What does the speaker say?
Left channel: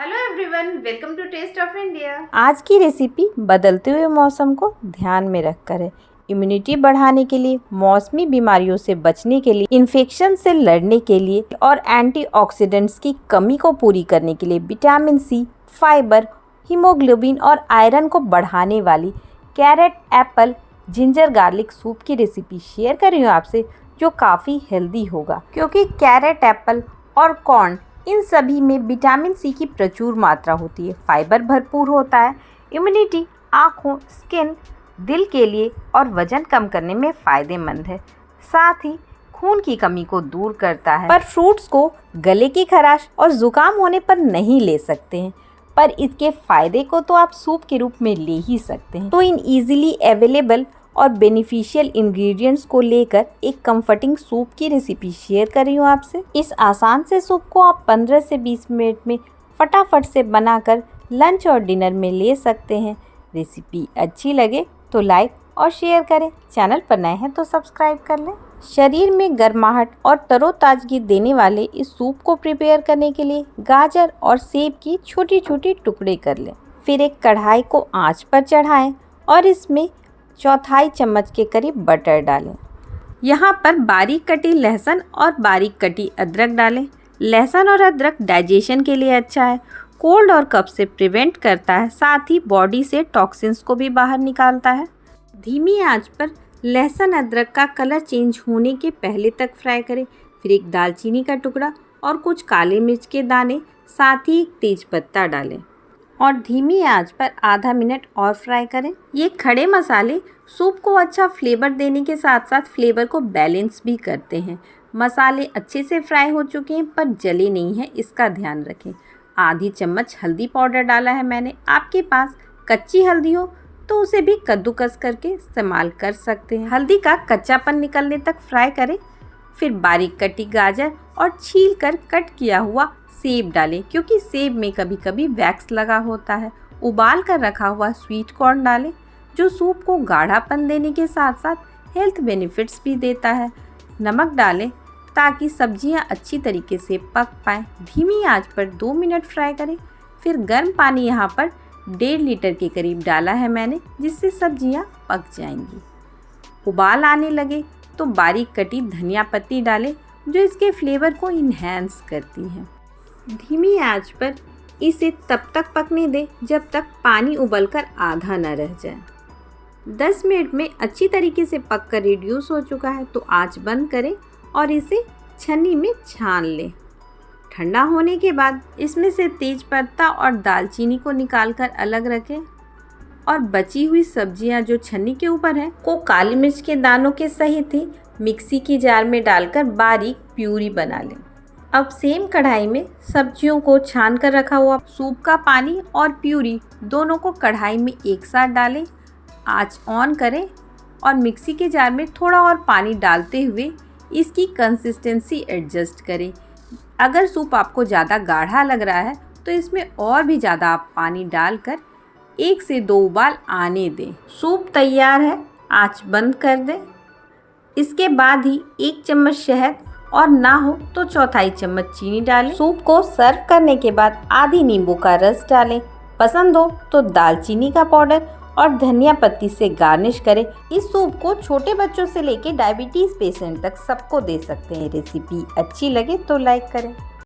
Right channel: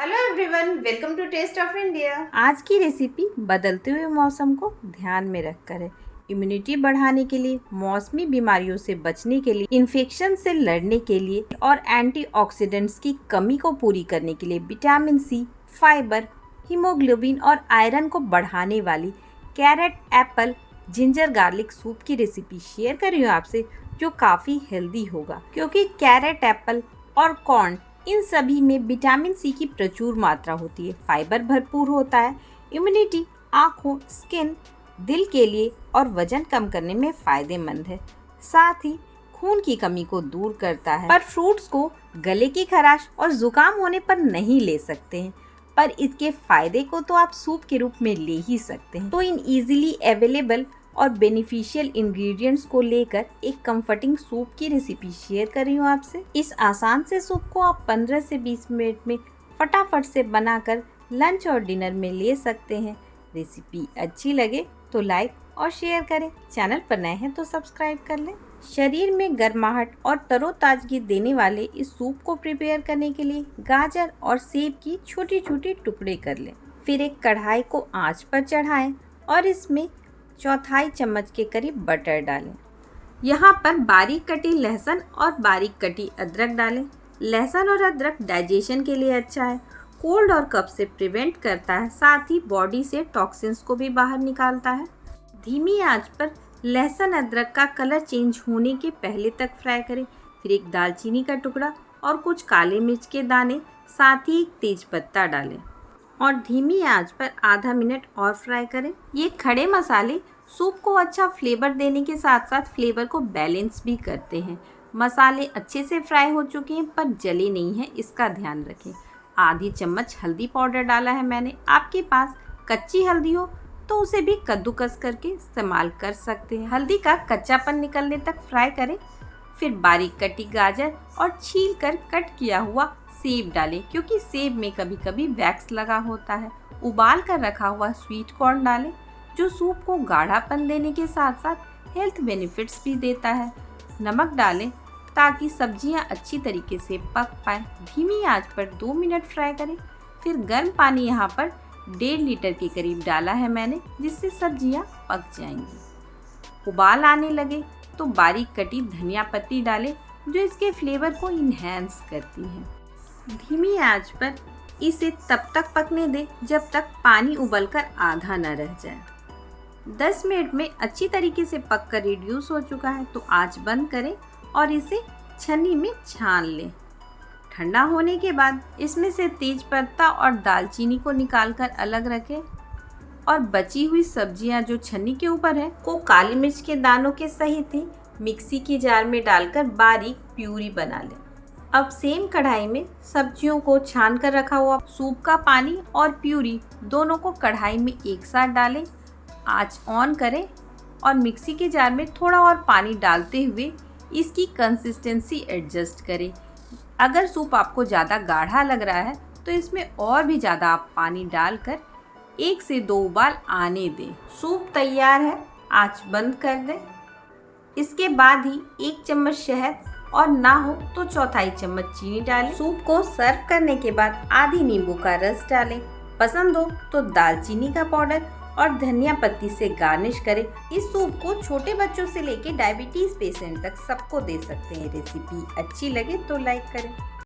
Hello everyone, welcome to taste of India. आज की recipe बदलते हुए मौसम को ध्यान में रखकर है। इम्यूनिटी बढ़ाने के लिए, मौसमी बीमारियों से बचने के लिए, इन्फेक्शन से लड़ने के लिए और एंटीऑक्सीडेंट्स की कमी को पूरी करने के लिए विटामिन सी, फाइबर, हीमोग्लोबिन और आयरन को बढ़ाने वाली carrot apple ginger garlic soup की रेसिपी शेयर कर रही हूँ आपसे, जो काफ़ी हेल्दी होगा। क्योंकि कैरेट एप्पल और कॉर्न इन सभी में विटामिन सी की प्रचुर मात्रा होती है, फाइबर भरपूर होता है, इम्यूनिटी, आँखों, स्किन, दिल के लिए और वजन कम करने में फ़ायदेमंद है। साथ ही खून की कमी को दूर करता है। पर फ्रूट्स को गले की खराश और ज़ुकाम होने पर नहीं ले सकते हैं, पर इसके फ़ायदे को तो आप सूप के रूप में ले ही सकते हैं। तो इन इजीली अवेलेबल और बेनिफिशियल इंग्रेडिएंट्स को लेकर एक कंफर्टिंग सूप की रेसिपी शेयर कर रही हूँ आपसे। इस आसान से सूप को आप 15 से 20 मिनट में फटाफट से बनाकर लंच और डिनर में ले सकते हैं। रेसिपी अच्छी लगे तो लाइक और शेयर करें, चैनल पर नए हैं तो सब्सक्राइब कर लें। शरीर में गर्माहट और तरोताजगी देने वाले इस सूप को प्रिपेयर करने के लिए गाजर और सेब की छोटी छोटी टुकड़े कर लें। फिर एक कढ़ाई को आंच पर चढ़ाएं और इसमें चौथाई चम्मच के करीब बटर डालें। यहाँ पर बारीक कटी लहसुन और बारीक कटी अदरक डालें। लहसुन और अदरक डाइजेशन के लिए अच्छा है, कोल्ड और कफ से प्रिवेंट करता है, साथ ही बॉडी से टॉक्सिन्स को भी बाहर निकालता है। धीमी आंच पर लहसुन अदरक का कलर चेंज होने के पहले तक फ्राई करें। फिर एक दालचीनी का टुकड़ा और कुछ काले मिर्च के दाने, साथ ही एक तेज पत्ता डालें और धीमी आंच पर आधा मिनट और फ्राई करें। ये खड़े मसाले सूप को अच्छा फ्लेवर देने के साथ साथ फ्लेवर को बैलेंस भी करते हैं। मसाले अच्छे से फ्राई हो चुके हैं पर जले नहीं हैं, इसका ध्यान रखें। आधी चम्मच हल्दी पाउडर डाला है मैंने। आपके पास कच्ची हल्दी हो तो उसे भी कद्दूकस करके इस्तेमाल कर सकते हैं। हल्दी का कच्चापन निकलने तक फ्राई करें। फिर बारीक कटी गाजर और छील कर कट किया हुआ सेब डालें, क्योंकि सेब में कभी कभी वैक्स लगा होता है। उबाल कर रखा हुआ स्वीट कॉर्न डालें, जो सूप को गाढ़ापन देने के साथ साथ हेल्थ बेनिफिट्स भी देता है। नमक डालें ताकि सब्जियां अच्छी तरीके से पक पाएँ। धीमी आंच पर 2 मिनट फ्राई करें। फिर गर्म पानी यहाँ पर 1.5 लीटर के करीब डाला है मैंने, जिससे सब्जियां पक जाएंगी। उबाल आने लगे तो बारीक कटी धनिया पत्ती डालें, जो इसके फ्लेवर को इन्हेंस करती है। धीमी आंच पर इसे तब तक पकने दें जब तक पानी उबलकर आधा न रह जाए। 10 मिनट में अच्छी तरीके से पककर रिड्यूस हो चुका है तो आंच बंद करें और इसे छन्नी में छान लें। ठंडा होने के बाद इसमें से तेज पत्ता और दालचीनी को निकालकर अलग रखें और बची हुई सब्जियां जो छन्नी के ऊपर है को काली मिर्च के दानों के सहित ही मिक्सी की जार में डालकर बारीक प्यूरी बना लें। अब सेम कढ़ाई में सब्जियों को छान कर रखा हुआ सूप का पानी और प्यूरी दोनों को कढ़ाई में एक साथ डालें। आंच ऑन करें और मिक्सी के जार में थोड़ा और पानी डालते हुए इसकी कंसिस्टेंसी एडजस्ट करें। अगर सूप आपको ज़्यादा गाढ़ा लग रहा है तो इसमें और भी ज़्यादा आप पानी डालकर 1 से 2 उबाल आने दें। सूप तैयार है, आंच बंद कर दें। इसके बाद ही 1 चम्मच शहद और ना हो तो चौथाई चम्मच चीनी डालें। सूप को सर्व करने के बाद आधी नींबू का रस डालें। पसंद हो तो दालचीनी का पाउडर और धनिया पत्ती से गार्निश करें। इस सूप को छोटे बच्चों से लेकर डायबिटीज़ पेशेंट तक सबको दे सकते हैं। रेसिपी अच्छी लगे तो लाइक करें।